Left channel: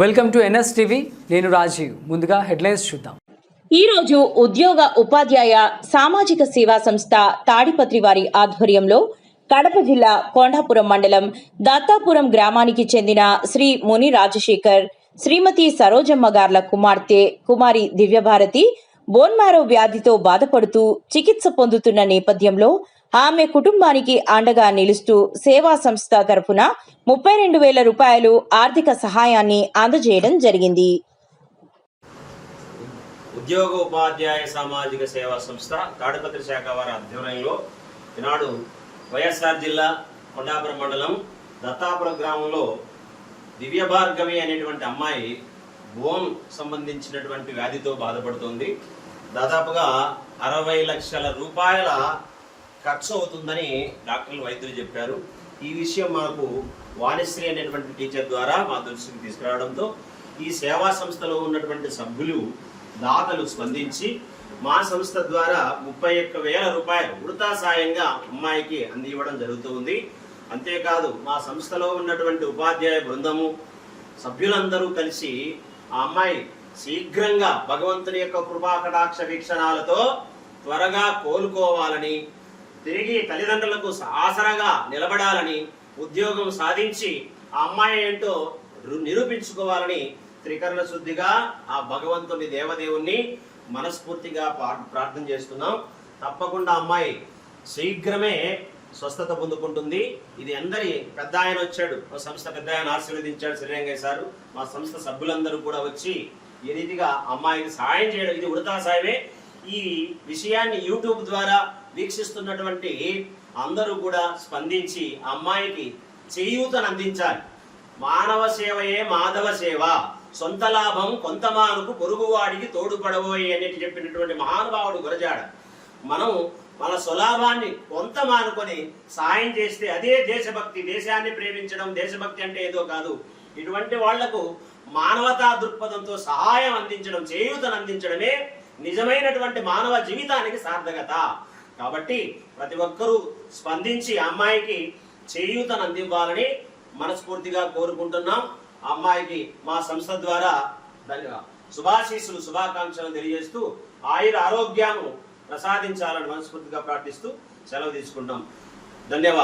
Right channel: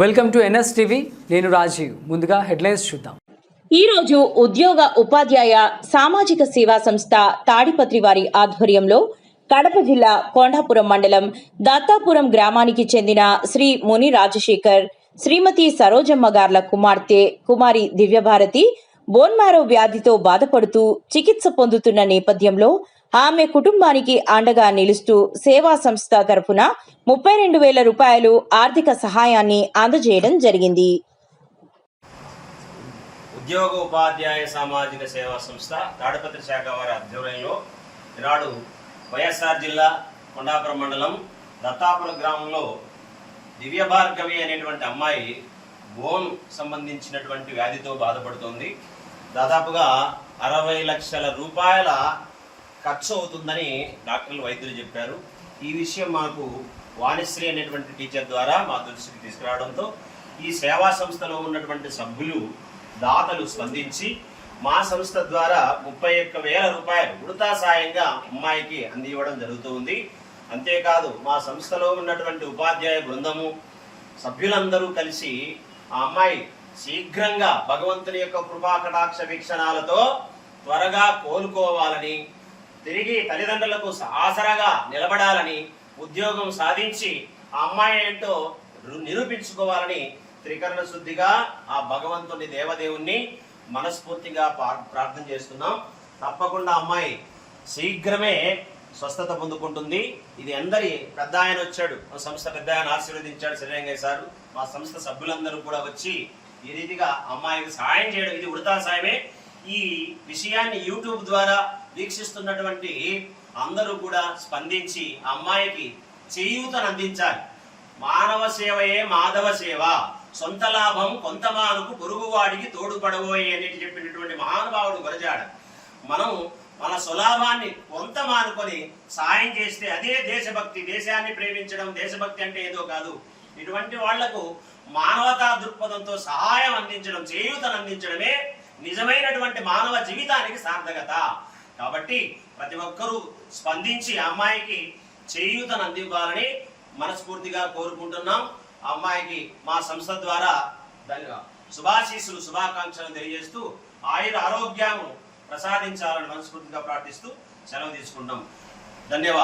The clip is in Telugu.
Welcome to NS TV. నేను రాజీవ్. ముందుగా హెడ్లైన్స్ చూద్దాం. ఈరోజు ఉద్యోగ ఉపాధ్యాయ సామాజిక సేవా సంస్థ తాడిపత్రి వారి ఆధ్వర్యంలో కడప జిల్లా కొండాపురం మండలం దత్తాపురం గ్రామానికి చెందిన శ్రీ ముని రాజశేఖర్, శ్రీమతి సరోజమ్మ గార్ల కుమార్తె కుమారి దివ్యభారతి బోన్మారో వ్యాధితో బాధపడుతూ చికిత్స పొందుతున్న నేపథ్యంలో ఆమె కుటుంబానికి అండగా నిలుస్తూ సేవా సంస్థ తరఫున 32,000 రూపాయలు ఆర్థిక సహాయాన్ని అందజేయడం జరిగింది. ఉద్యోగ ఉపాధ్యాయ సామాజిక సేవా సంస్థ తాడిపత్రి శాఖ వారి ఆధ్వర్యంలో ఈనాడు వైఎస్ఆర్ జిల్లా కొండాపురం మండలం దత్తాపురం గ్రామంలో దివ్యభార్గవి అనేటువంటి అమ్మాయి బోన్ సంబంధించినటువంటి వ్యాధితో బాధపడుతోంది. దాదాపుగా 60 లక్షల రూపాయల ఖర్చు అవుతుందని డాక్టర్లు వైద్యులు చెప్పారు. ఈ విషయం మాకు వాణిశ్రీ అనేటువంటి టీచర్ ద్వారా మా దృష్టికి తీసుకురావడంతో ఈ సేవా సంస్థలో ఉన్నటువంటి సభ్యులు దాతలు స్పందించి మా సంస్థ ద్వారా 31,000 రూపాయలు ఉడతా సాయంగా అమ్మాయికి అందివ్వడం జరుగుతుంది. అంతేకాదు మా సంస్థలో ఉన్నటువంటి ఉపాధ్యాయ బృందము సభ్యులందరూ కలిసి ఆ అమ్మాయి శీఘ్రంగా భగవంతుని యొక్క కృపా కటాక్ష వీక్షణాలతో త్వరగా కోలుకోవాలని, తిరిగి తల్లిదండ్రులకు ఆసరాగా నిలబడాలని, ఉద్యోగం సాధించి ఆ అమ్మాయి ఏంటో నిరూపించుకోవాలని త్రికరణ శుద్ధిగా ఆ భగవంతుని దేవదేవుణ్ణి మనస్ఫూర్తిగా ప్రార్థన చేస్తున్నాం. తప్పకుండా అమ్మాయి శీఘ్రమే స్వస్థత పొందుకుంటుంది. ఇది అందరి పెద్ద ఆయన వచ్చాడు, మా సంస్థ పెద్ద ఆయన ఆశీర్వదించాడు శ్రీరంగయ్య సారు. మా సంస్థ సభ్యులందరూ కూడా వచ్చి ఈ రీతిగా అమ్మాయికి సాయం చేయడం ఇది ఉడతా సాయమే. ఈ విషయాన్ని యూట్యూబ్ ద్వారా వీక్షిస్తున్నటువంటి అందరూ కూడా స్పందించి అమ్మాయికి చేయూతను అందించాలి. మానవ సేవయే మాధవ సేవ, సొంత లాభం కొంతమానుకు పొరుగువాడికి తోడుపడబోయే అనేది చెప్పినటువంటి మహానుభావుడు గురజాడ. మనం మన స్వలాభాన్ని కొంత మానుకొని సాయం చేస్తే అదే దేశభక్తి. దేశాన్ని ప్రేమించడం దేశభక్తి అంటే ఏదో కాదు. ఇటువంటి వాళ్లకు మానవతా దృక్పథంతో సహాయం అందించడం, చేయూతను అందించడమే నిజమైనటువంటి మానవ జీవితానికి సార్థకత. కాబట్టి ప్రతి ఒక్కరూ స్పందించి అమ్మాయికి చేయూతను అందివ్వాలని మనస్ఫూర్తిగా కోరుకుంటున్నాం. అమ్మాయికి మా సంస్థ ద్వారా శుభాశీస్సులు శుభాకాంక్షలు తెలియజేస్తూ ఆయుర ఆరోగ్యాన్ని ప్రసాదించాలని మనస్ఫూర్తిగా ప్రార్థిస్తూ సెలవు తీసుకుంటాం. ధన్యవాదాలు.